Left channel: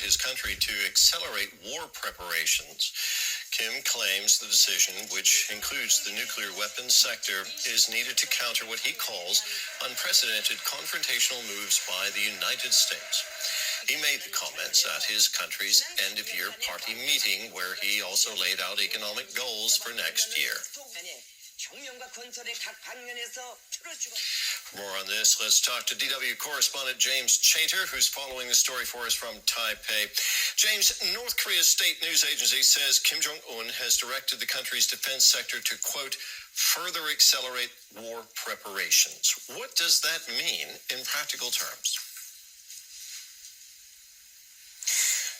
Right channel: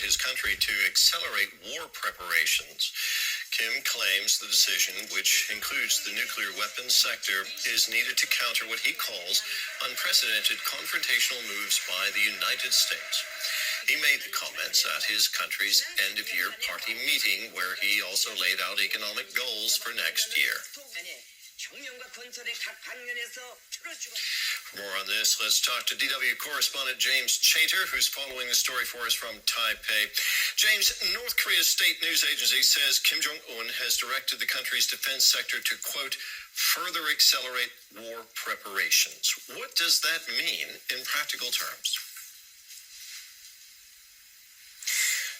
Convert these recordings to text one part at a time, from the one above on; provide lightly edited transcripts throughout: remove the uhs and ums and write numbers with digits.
his country to accelerate war preparations. Kim claims the decision, which includes the nuclear weapons sector, is needed to counter what he calls unprecedented confrontational moves by the United States. He made the comments at his country's end-of-year party meeting, where he also laid out economic goals for next year. For more on this, let's talk to DW correspondent James Chater, who's following the story for us from Taipei. James, North Korea's state news agency says Kim Jong-un has directed the country's defense sector to, quote, further accelerate war preparations. What does that mean in practical terms?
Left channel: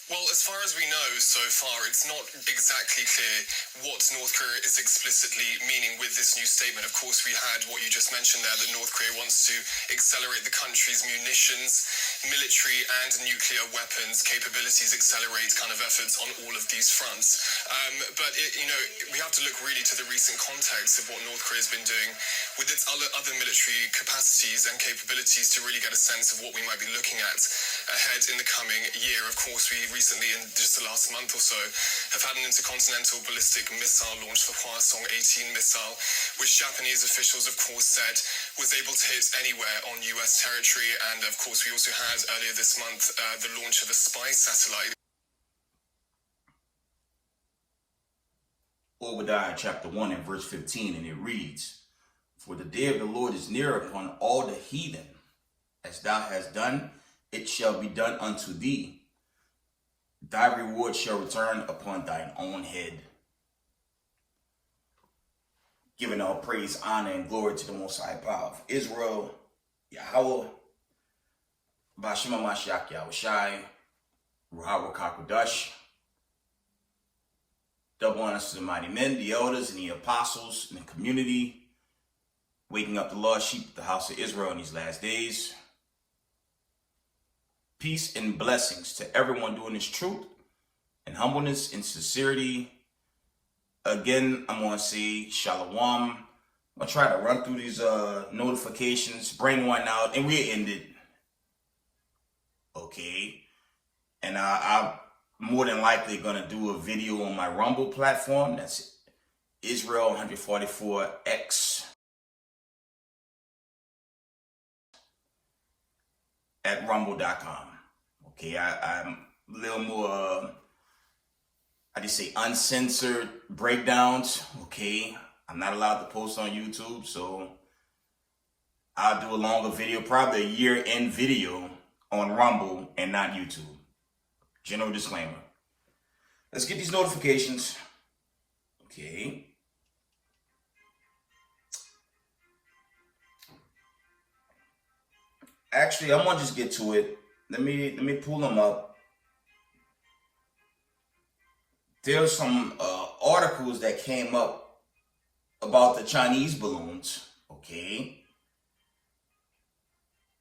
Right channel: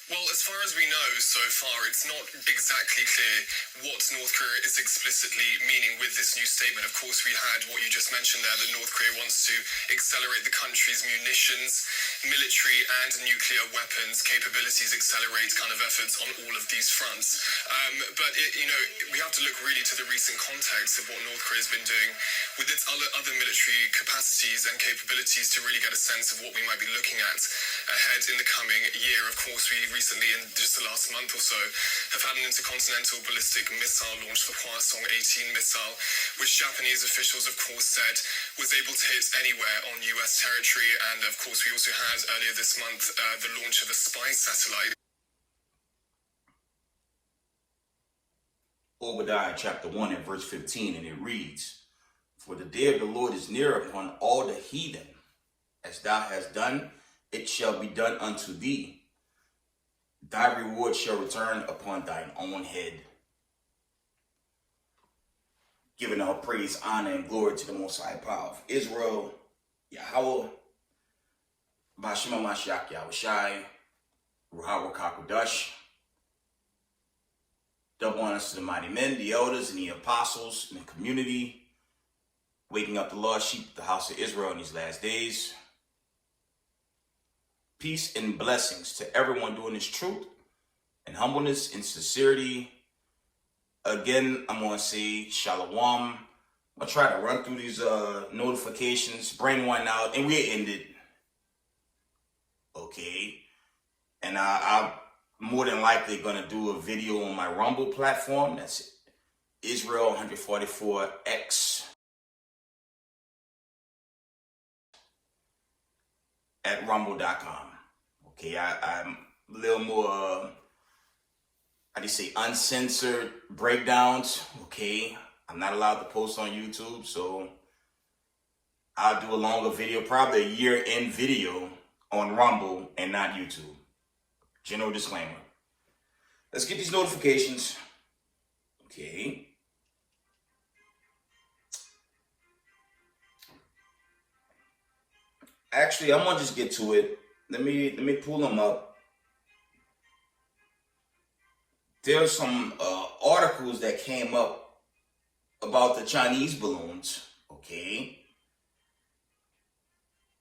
Well, as far as we know so far, it's not exactly clear what North Korea is explicitly meaning with this new statement. Of course, we had what you just mentioned there, that North Korea wants to accelerate the country's munitions, military and nuclear weapons capabilities, accelerate kind of efforts on all of these fronts. But we have to look really to the recent context of what North Korea has been doing with its other military capacities and capabilities to really get a sense of what we might be looking at ahead in the coming year. Of course, we recently, in just the last month or so, have had an intercontinental ballistic missile launched, the Hwasong-18 missile, which Japanese officials, of course, said was able to hit anywhere on U.S. territory. And, of course, we also had earlier this month the launch of a spy satellite. Obadiah chapter 1 and verse 15, and it reads, "For the day of the Lord is near upon all the heathen. As thou hast done, it shall be done unto thee. Thy reward shall return upon thine own head." Giving all praise, honor, and glory to the Most High Power of Israel, Yahweh, Bashima Mashiach Yahushai, Ruhawa Kakodash. Double honors to the mighty men, the elders, and the apostles in the community, waking up the lost sheep of the house of Israel in these last days. Peace and blessings to everyone doing this truth and humbleness and sincerity. Again, I'm going to say shalom. I'm going to try to run through these notifications, bring one out, and we'll end it. Okay. And I'm more than likely going to do a video on my Rumble platform. That's Israel 144X. At rumble.com. Okay, I'm a little more, I just say uncensored breakdowns. Okay, I'm not allowed to post on YouTube, so I'll do a longer video, probably a year-end video on Rumble and not YouTube. General disclaimer. Let's get these notifications. Okay. Actually, I'm gonna just get to it. Let me pull them up. There's some articles that came up about the Chinese balloons, okay?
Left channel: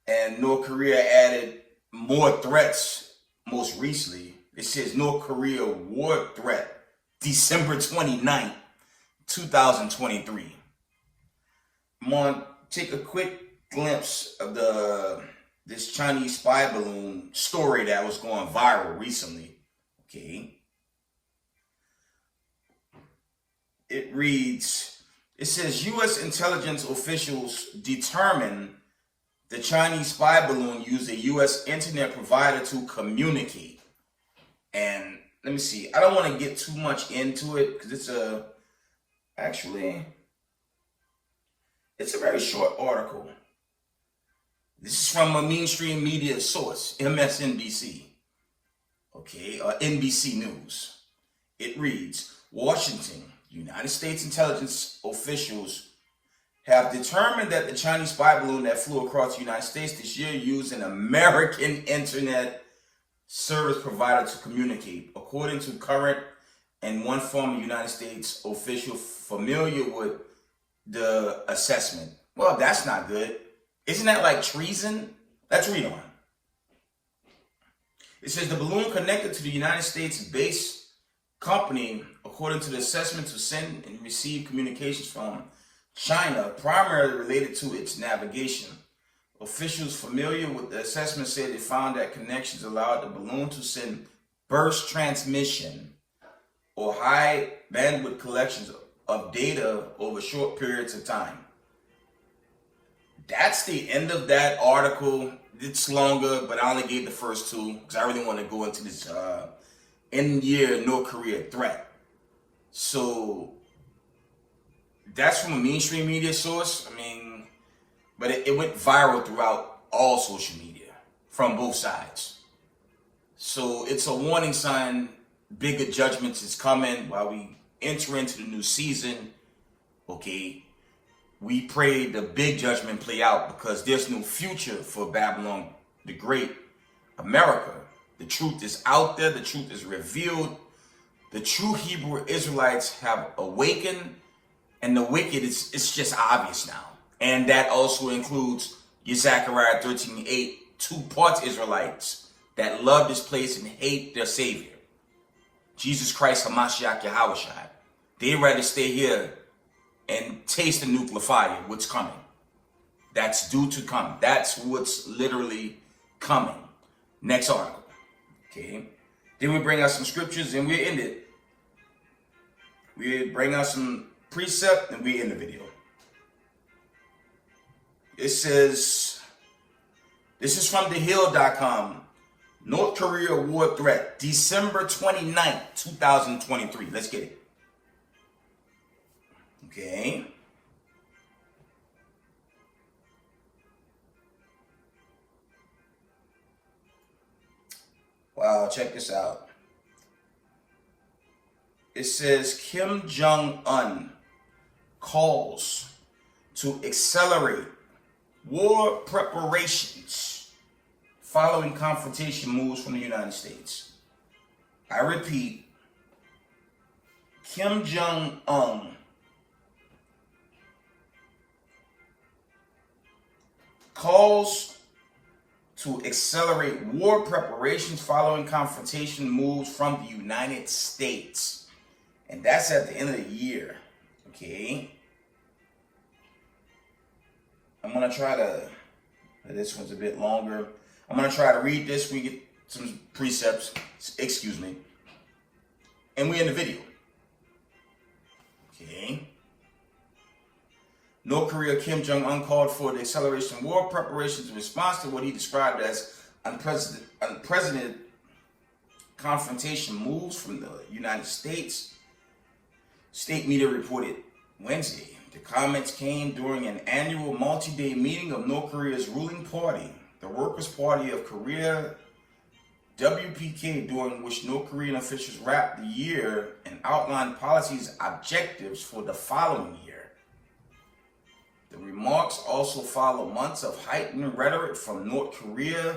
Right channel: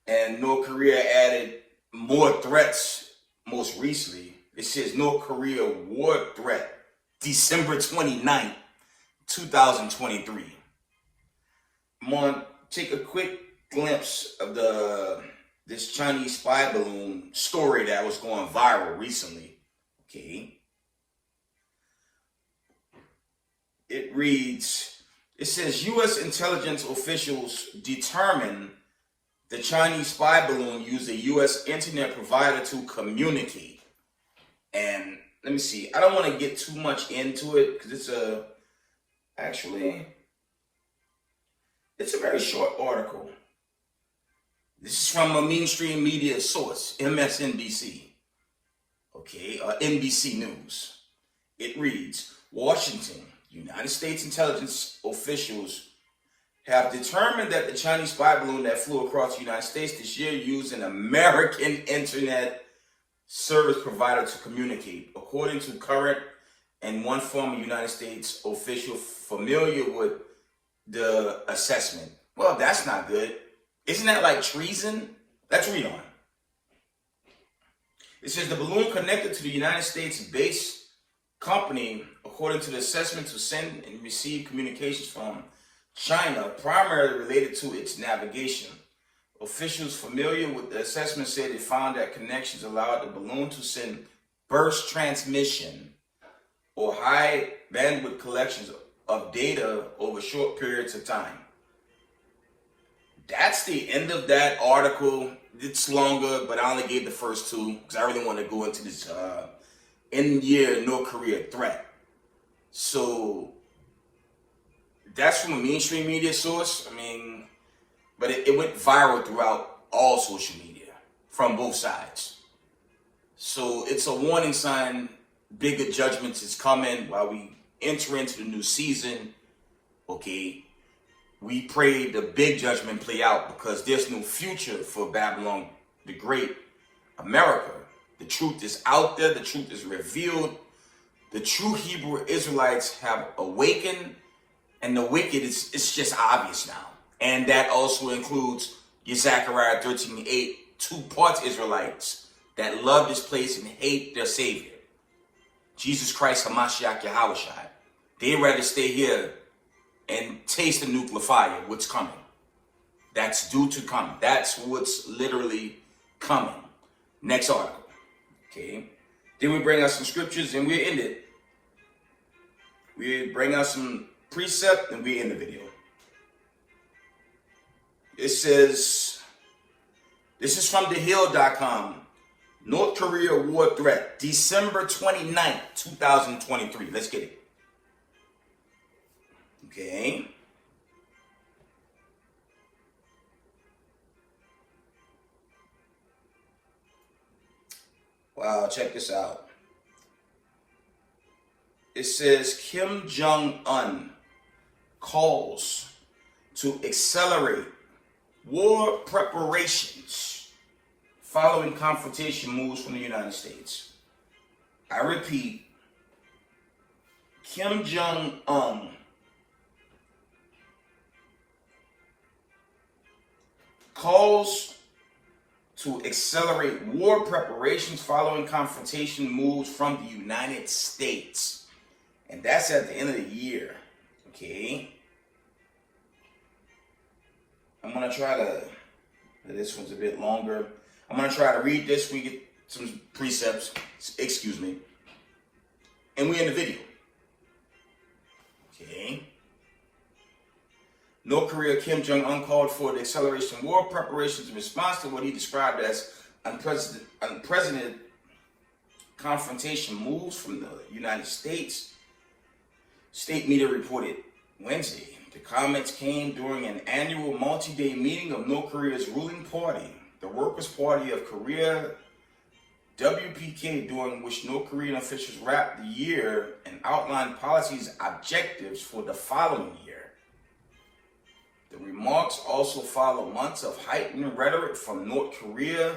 And North Korea added more threats most recently. It says North Korea war threat, December 29th, 2023. I'm gonna take a quick glimpse of this Chinese spy balloon story that was going viral recently. Okay. It reads, it says U.S. intelligence officials determined the Chinese spy balloon used a U.S. internet provider to communicate. And let me see, I don't want to get too much into it because it's a very short article. This is from a mainstream media source, MSNBC, okay, NBC News. It reads, Washington, United States intelligence officials have determined that the Chinese spy balloon that flew across the United States this year used an American internet service provider to communicate, according to current and one former United States official familiar with the assessment. Well, that's not good. Isn't that like treason? Let's read on. It says the balloon connected to the United States-based company, according to the assessment, to send and receive communications from China, primarily related to its navigation. Officials familiar with the assessment said they found that connections allowed the balloon to send burst transmission or high bandwidth collections of data over short periods of time. That's the end of that article. It's longer, but I only gave the first two because I really want to go into this in-year North Korea threat. So that's from a mainstream media source. I mean, but it went viral throughout all social media from both sides. So it's a warning sign. Bigger judgments is coming while we enter into the new season. Okay. We pray the big judgment play out because there's no future for Babylon the Great, America. The truth is out there. The truth is revealed. The true Hebrew Israelites have awakened, and the wicked it's just obvious now. And that also includes your Zechariah 13:8, 2 parts Israelites that love this place and hate their Savior, Jesus Christ HaMashiach Yahushua. They rather stay here and taste the nuclear fire, what's coming. That's due to come. That's what's literally coming. Next article. Okay. Then we bring out some scriptures and we end it. We bring out some precept and we end the video. It says, this is from thehill.com. North Korea war threat, December 29th, 2023. Let's get it. Okay. Wow, check this out. It says Kim Jong-un calls to accelerate war preparations following confrontation moves from the United States. I repeat, Kim Jong-un calls to accelerate war preparations following confrontation moves from the United States. And that's at the end of the year. Okay. I'm going to try to, this one's a bit longer. I'm going to try to read this. We get some precepts. Excuse me. And we end the video. Okay. North Korea Kim Jong-un called for the acceleration of war preparations in response to what he described as unprecedented confrontation moves from the United States. State media reported Wednesday. The comments came during an annual multi-day meeting of North Korea's ruling party, the Workers' Party of Korea, WPK, during which North Korean officials wrapped the year and outlined policies objectives for the following year. The remarks also follow months of heightened rhetoric from North Korea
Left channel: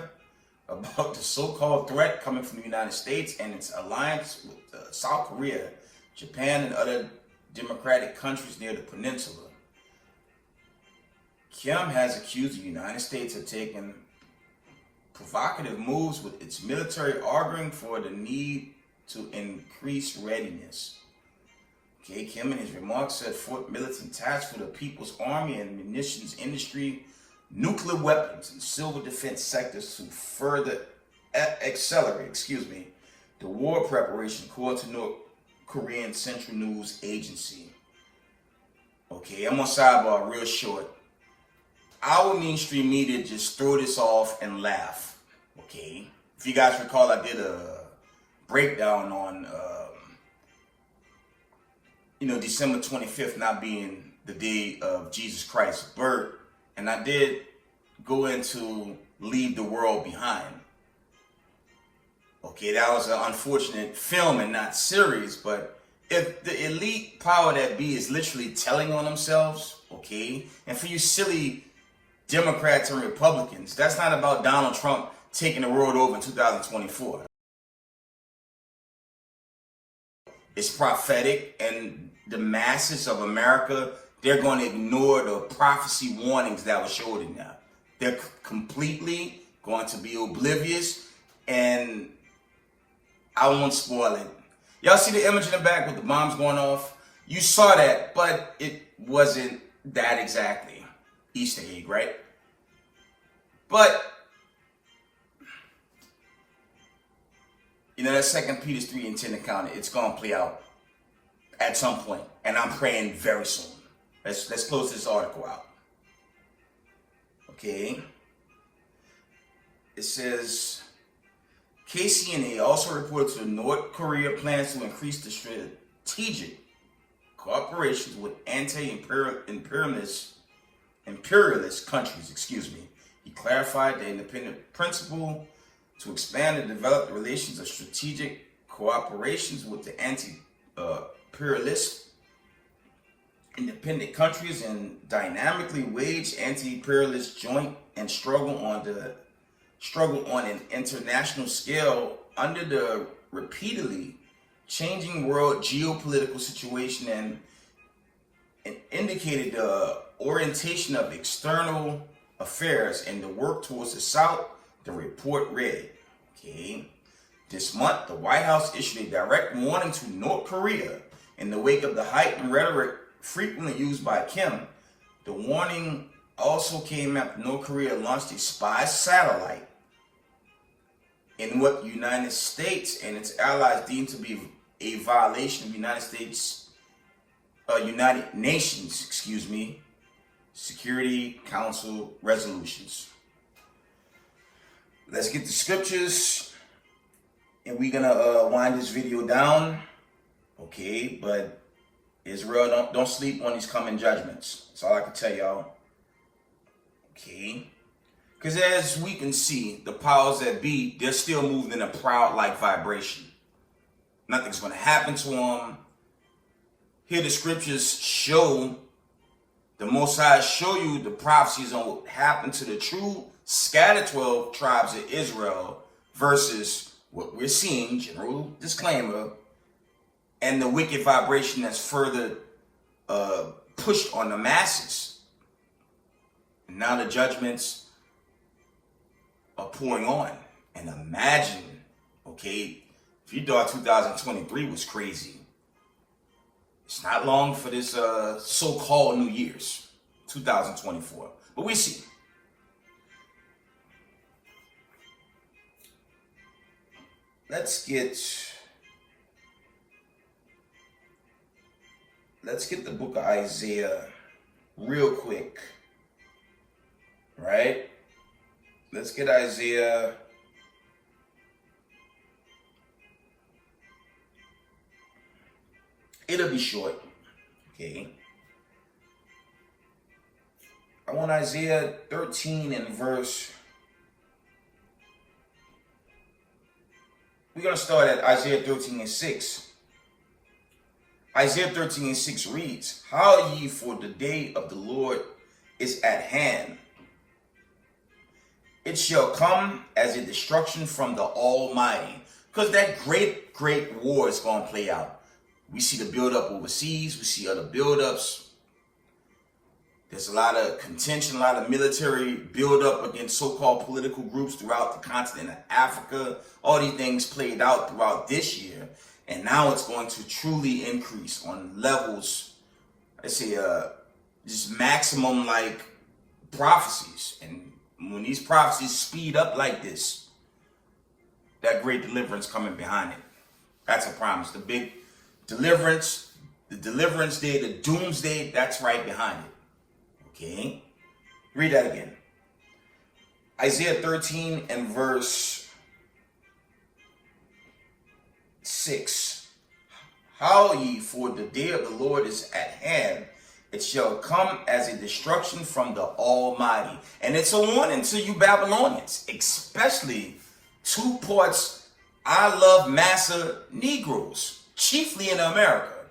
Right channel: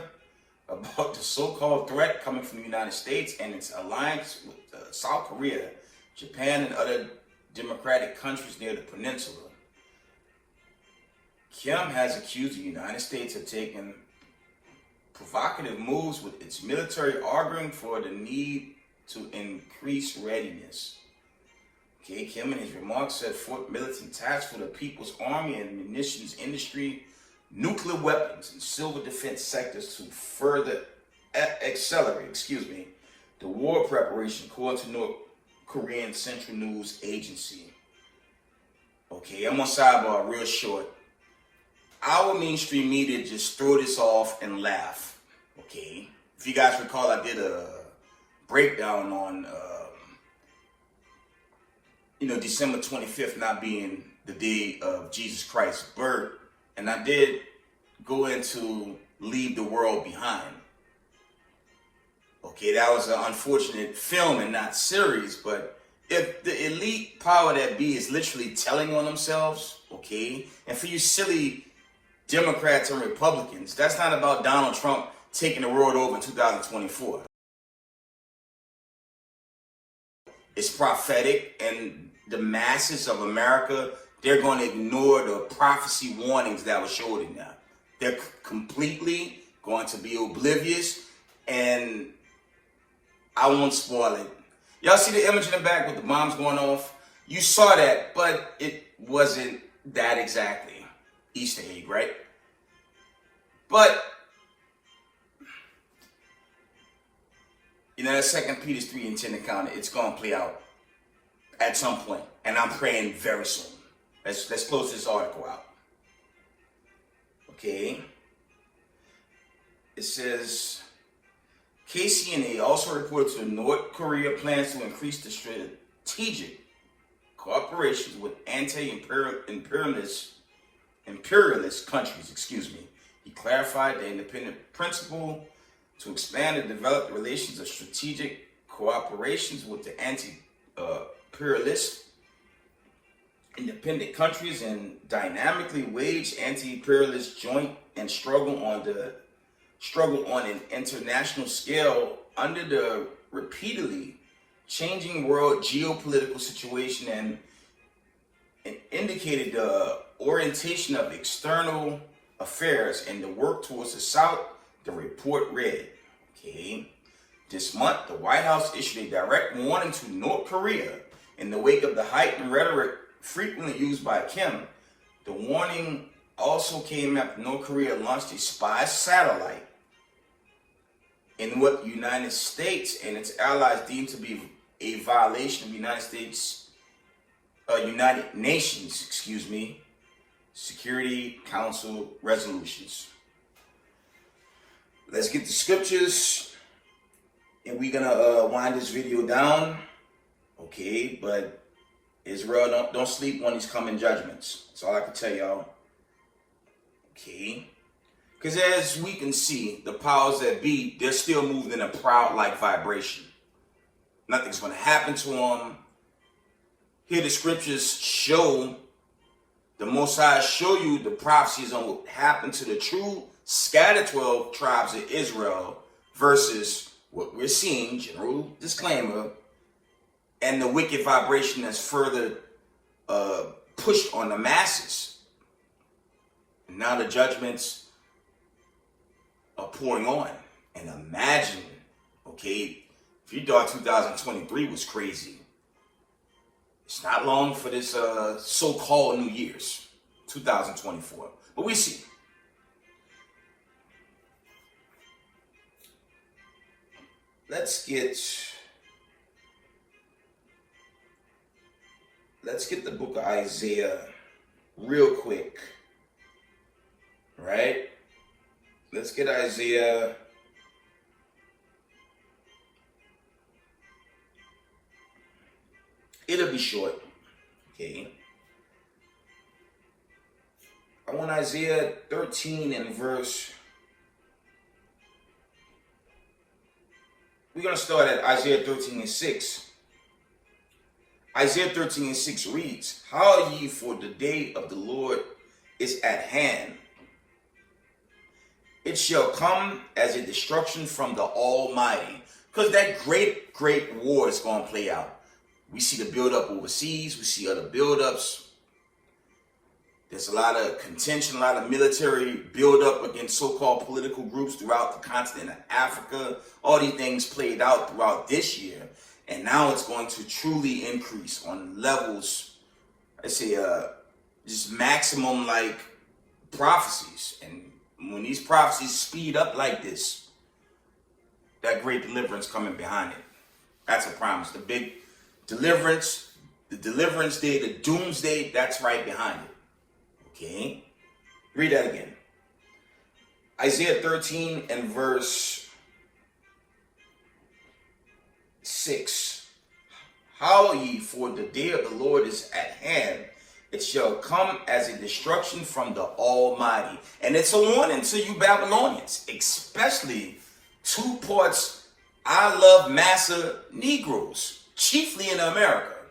about the so-called threat coming from the United States and its alliance with South Korea, Japan, and other democratic countries near the peninsula. Kim has accused the United States of taking provocative moves with its military, arguing for the need to increase readiness. Okay, Kim in his remarks said Fort Militant tasks for the People's Army and munitions industry, nuclear weapons, and civil defense sectors to further accelerate, the war preparation, according to North Korean Central News Agency. Okay, I'm on sidebar real short. Our mainstream media just throw this off and laugh. Okay, if you guys recall, I did a breakdown on December 25th not being the day of Jesus Christ's birth. And I did go into Leave the World Behind. Okay, that was an unfortunate film and not series, but if the elite power that be is literally telling on themselves, okay, and for you silly Democrats and Republicans, that's not about Donald Trump taking the world over in 2024. It's prophetic, and the masses of America, they're going to ignore the prophecy warnings that were showed in there. They're completely going to be oblivious, and I won't spoil it. Y'all see the image in the back with the bombs going off? You saw that, but it wasn't that exactly. Easter egg, right? But that 2 Peter 3:10 account, it's gonna play out at some point, and I'm praying very soon. Let's close this article out. Okay. It says KCNA also reported to North Korea plans to increase the strategic cooperations with imperialist countries. He clarified the independent principle to expand and develop the relations of strategic cooperations with the anti-imperialist independent countries and dynamically wage anti-imperialist joint and struggle on an international scale under the repeatedly changing world geopolitical situation, and indicated the orientation of external affairs and the work towards the South, the report read. Okay. This month, the White House issued a direct warning to North Korea in the wake of the heightened rhetoric frequently used by Kim. The warning also came after North Korea launched a spy satellite in what the United States and its allies deemed to be a violation of United Nations, Security Council resolutions. Let's get the scriptures, and we're gonna wind this video down. Okay, but Israel, don't sleep on these coming judgments. That's all I can tell y'all. Okay. Because as we can see, the powers that be, they're still moving in a proud-like vibration. Nothing's going to happen to them. Here the scriptures show, the Most High show you the prophecies on what happened to the true scattered 12 tribes of Israel versus what we're seeing, general disclaimer, and the wicked vibration that's further pushed on the masses. And now the judgments are pouring on. And imagine, okay, if you thought 2023 was crazy, it's not long for this so-called New Year's, 2024. But we see. Let's get the book of Isaiah real quick. Right? Let's get Isaiah. It'll be short. Okay. I want Isaiah 13 and verse. We're going to start at Isaiah 13 and 6. Isaiah 13 and 6 reads, "How ye, for the day of the Lord is at hand. It shall come as a destruction from the Almighty." Because that great war is going to play out. We see the buildup overseas. We see other buildups. There's a lot of contention, a lot of military buildup against so-called political groups throughout the continent of Africa. All these things played out throughout this year. And now it's going to truly increase on levels, I say, just maximum like prophecies. And when these prophecies speed up like this, that great deliverance coming behind it. That's a promise. The big deliverance, the deliverance day, the doomsday, that's right behind it. Okay? Read that again. Isaiah 13 and verse 6. "Howl ye, for the day of the Lord is at hand. It shall come as a destruction from the Almighty." And it's a warning to you Babylonians, especially two parts I love massa Negroes, chiefly in America.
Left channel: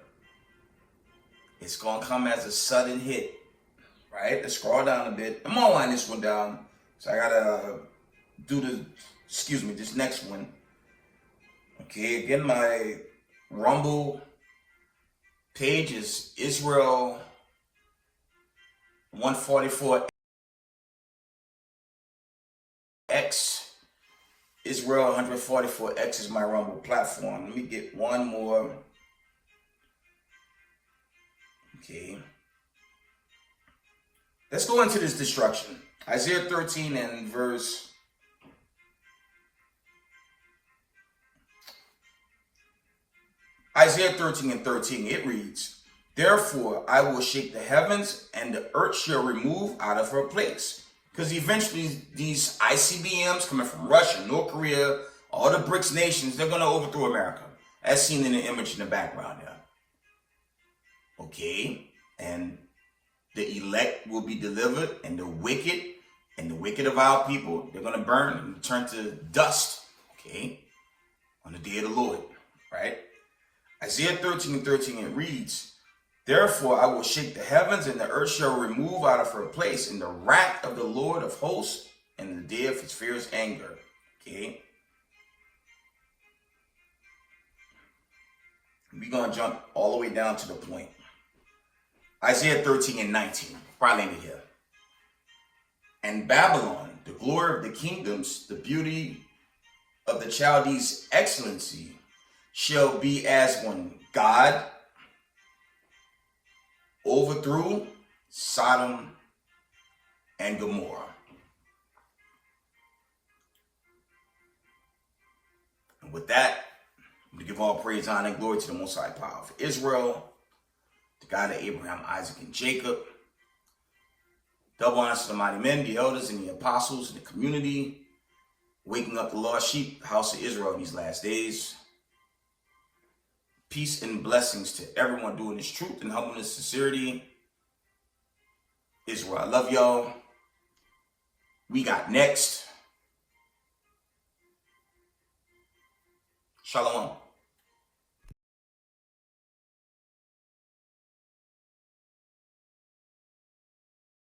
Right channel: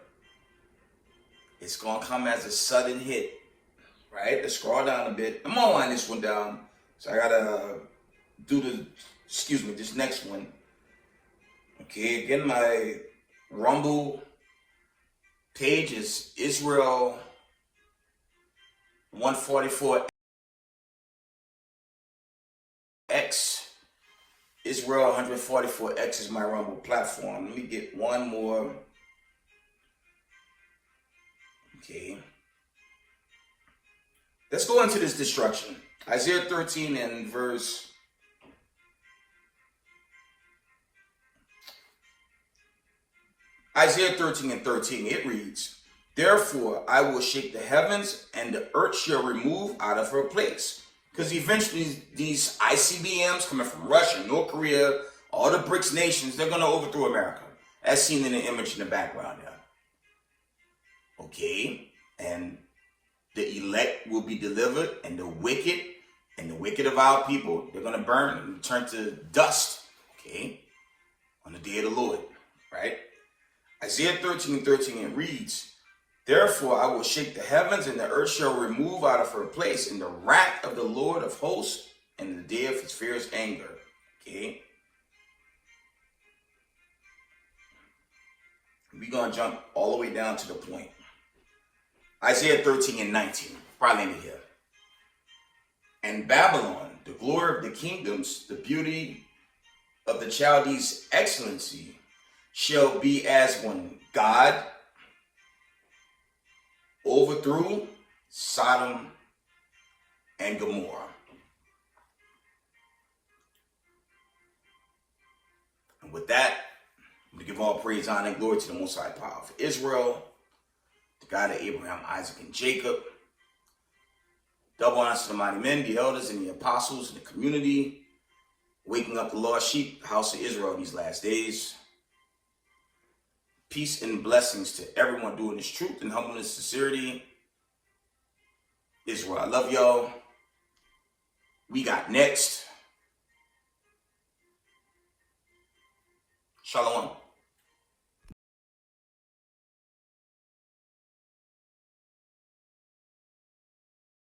It's going to come as a sudden hit. Right? Let's scroll down a bit. I'm going to line this one down. So I got to do this next one. Okay, again, my Rumble page is Israel 144X. Israel 144X is my Rumble platform. Let me get one more. Okay. Let's go into this destruction. Isaiah 13 and verse Isaiah 13 and 13, it reads, "Therefore I will shake the heavens, and the earth shall remove out of her place." Because eventually these ICBMs coming from Russia, North Korea, all the BRICS nations, they're going to overthrow America, as seen in the image in the background there. Okay? And the elect will be delivered, and the wicked of our people, they're going to burn and turn to dust. Okay? On the day of the Lord. Right? Isaiah 13 and 13, it reads, "Therefore I will shake the heavens, and the earth shall remove out of her place in the wrath of the Lord of hosts, and in the day of his fierce anger." Okay? We're going to jump all the way down to the point. Isaiah 13 and 19. Probably in here. "And Babylon, the glory of the kingdoms, the beauty of the Chaldees' excellency, shall be as when God overthrew Sodom and Gomorrah." And with that, we give all praise, honor, and glory to the Most High Power of Israel, the God of Abraham, Isaac, and Jacob. Double honor to the mighty men, the elders, and the apostles, the community, waking up the lost sheep, the house of Israel these last days. Peace and blessings to everyone doing this truth and humbleness, sincerity. Israel, I love y'all. We got next. Shalom.